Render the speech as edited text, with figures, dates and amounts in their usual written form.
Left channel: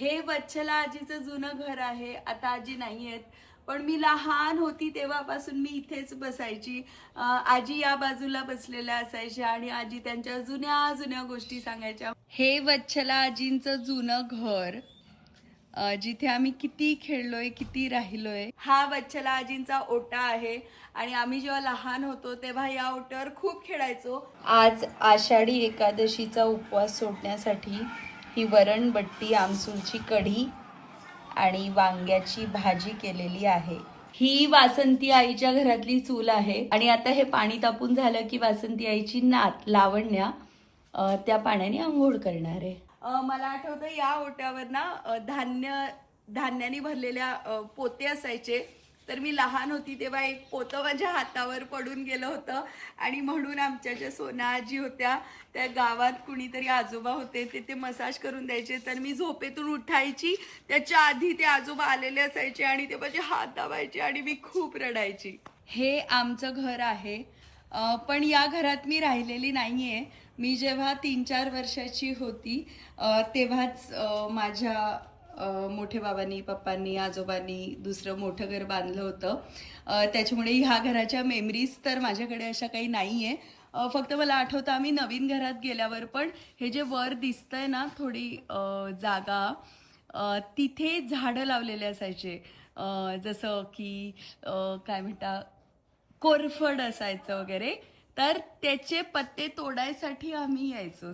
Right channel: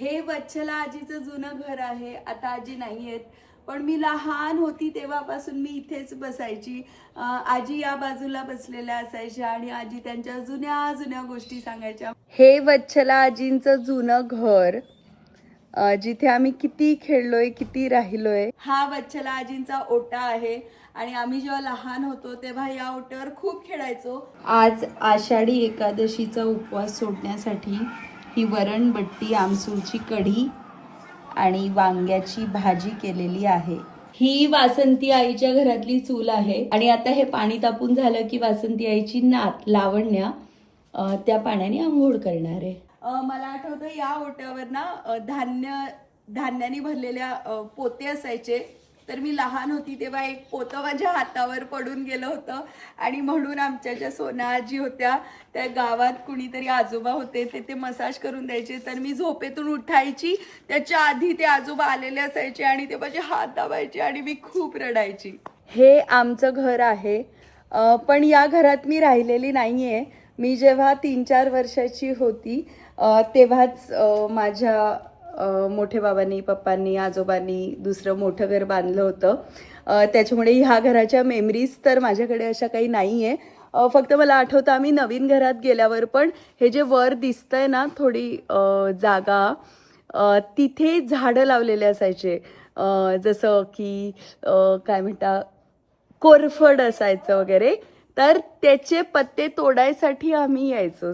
हे वच्छला आजीचं जुनं घर आहे. आता आजी नाही आहेत, पण मी लहान होती तेव्हापासून मी इथेच बसायची. आजी या बाजूला बसलेल्या असायच्या आणि आजी त्यांच्या जुन्या जुन्या गोष्टी सांगायच्या. हे वच्छला आजींचं जुनं घर, जिथे आम्ही किती खेळलोय, किती राहिलोय. हा वच्छला आजींचा ओटा आहे आणि आम्ही जेव्हा लहान होतो तेव्हा या ओट्यावर खूप खेळायचो. आज आषाढी एकादशीचा उपवास सोडण्यासाठी ही वरणबट्टी, आमसूरची कढी आणि वांग्याची भाजी केलेली आहे. ही वासंती आईच्या घरातली चूल आहे आणि आता हे पाणी तापून झालं की वासंती आईची नात लावण्या त्या पाण्याने आंघोळ करणार आहे. मला आठवतं या ओट्यावर ना धान्याने भरलेल्या पोते असायचे. तर मी लहान होती तेव्हा एक पोतं माझ्या हातावर पडून गेलं होतं आणि म्हणून आमच्या ज्या सोना आजी होत्या त्या गावात कुणीतरी आजोबा होते ते मसाज करून द्यायचे. तर मी झोपेतून उठायची त्याच्या आधी ते आजोबा आलेले असायचे आणि ते माझे हात दाबायचे आणि मी खूप रडायची. हे आमचं घर आहे, पण या घरात मी राहिलेली नाहीये. मी जेव्हा 3-4 वर्षाची होती तेव्हाच माझ्या मोठे बाबांनी, पप्पांनी, आजोबांनी दुसरं मोठं घर बांधलं होतं. त्याच्यामुळे ह्या घराच्या मेमरीज तर माझ्याकडे अशा काही नाहीये. फक्त मला आठवतं आम्ही नवीन घरात गेल्यावर पण हे जे वर दिसतंय ना थोडी जागा, तिथे झाडं लावलेले असायचे. जसं की काय म्हणता, कोरफड असायचं वगैरे. तर त्याचे पत्ते तोडायसाठी आम्ही यायचो.